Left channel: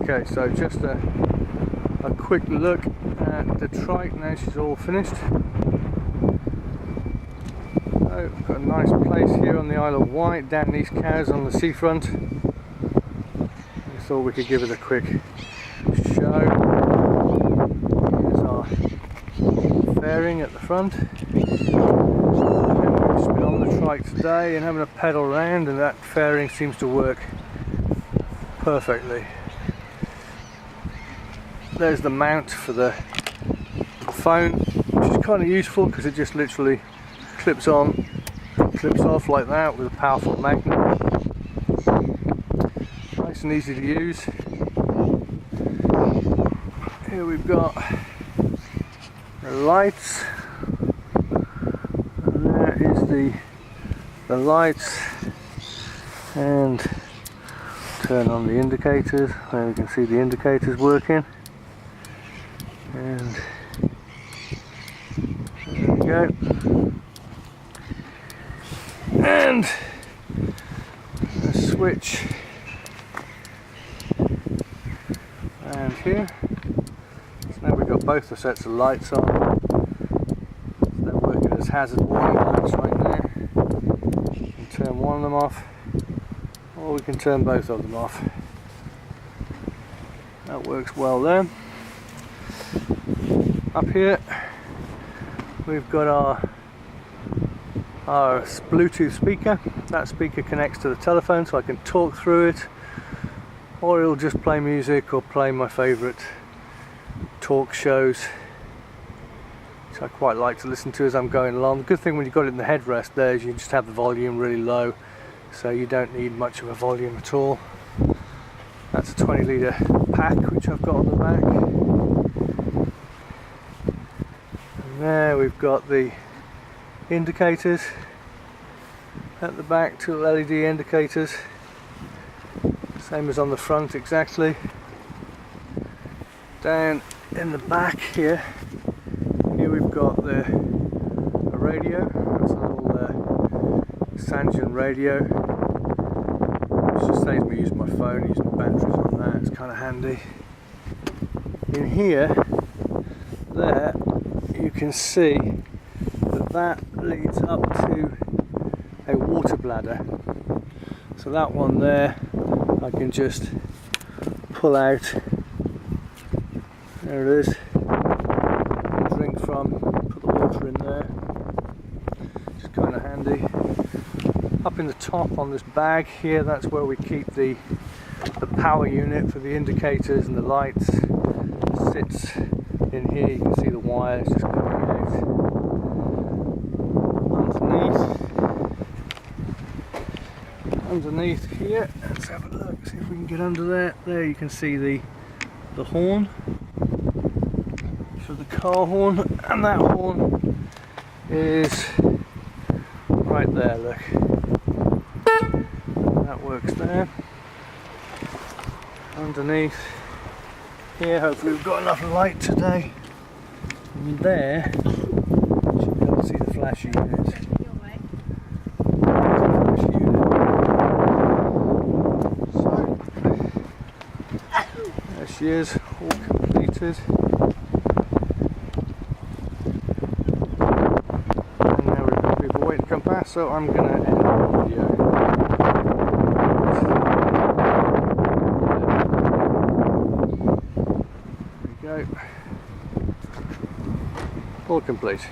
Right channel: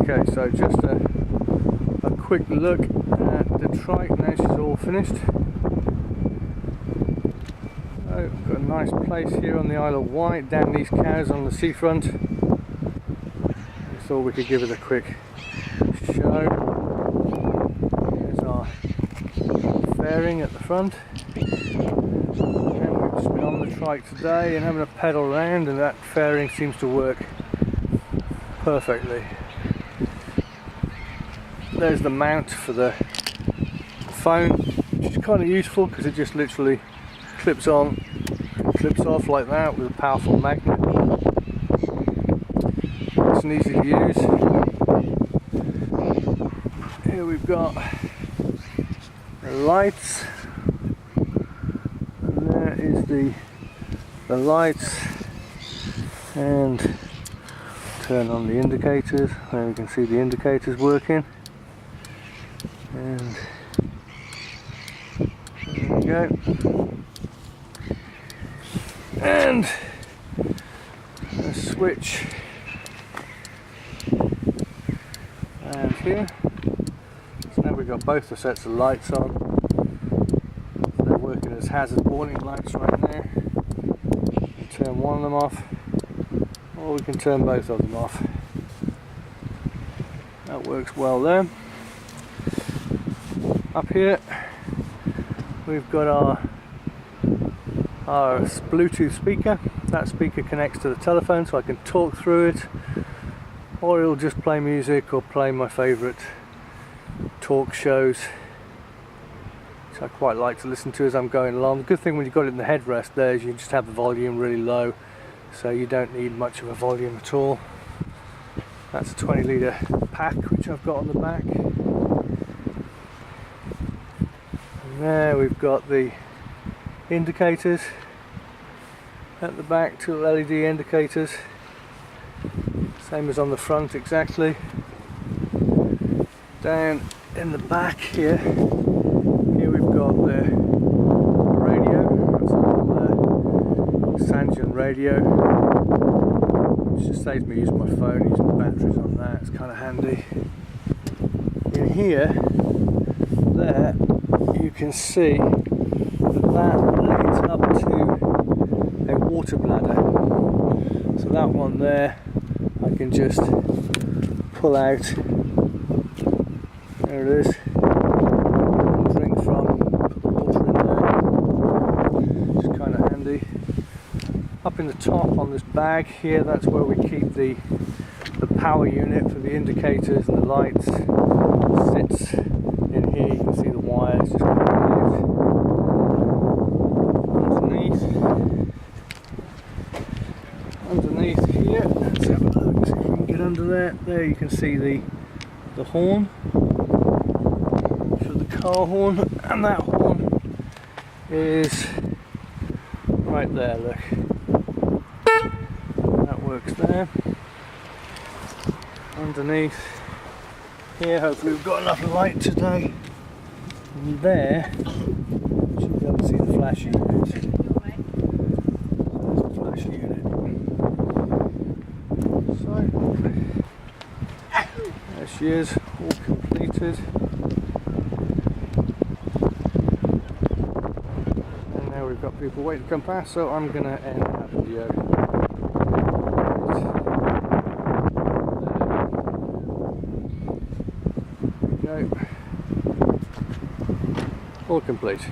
Okay, so just a quick look at the trike now she's all finished. So I've got a nice place here on the Isle of Wight, down these cows on the seafront. I thought we could give it a quick show. Here's our fairing at the front. And we've just been on the trike today and having a pedal around, and that fairing seems to work perfectly. There's the mount for the phone, which is kind of useful because it just literally clips on, clips off like that with a powerful magnet. Nice and easy to use. Here we've got the lights, and there is the lights, and turn on the indicators. There we can see the indicators working. And there we go. And a switch and here. So now we've got both the sets of lights on. They're working as hazard warning lights right now. We can turn one of them off, or we can turn both of them off. That works well there. Up here we've got our Bluetooth speaker. That speaker connects to the telephone so I can talk through it, or it'll just play music or play my favourite talk shows, which I quite like to listen to as I'm going along. The good thing when you've got it in the headrest there is you just have the volume really low, so you don't need much of a volume at all. That's a 20 litre pack which I've got on the back. There we've got the indicators at the back, two LED indicators, same as on the front exactly. Down in the back here we've got the radio. That's a little Sangean radio, which just saves me using my phone, using the batteries on that. It's kind of handy. In here, there, you can see that leads up to a water bladder. So that one there I can just pull out. There it is. Drink from, put the water in there. It's kind of handy. Up in the top on this bag here, that's where we keep the power unit for the indicators and the lights. It sits in here. You can see the wires just coming out. Underneath here, let's have a look, see if we can get under there. There you can see the horn, so the car horn, and that horn is right there, look. That works there. Underneath here, hopefully we've got enough light today. And there, you should be able to see the flashy unit. There she is, all completed. And now we've got people waiting to come past, so I'm going to end the video. There we go. All complete.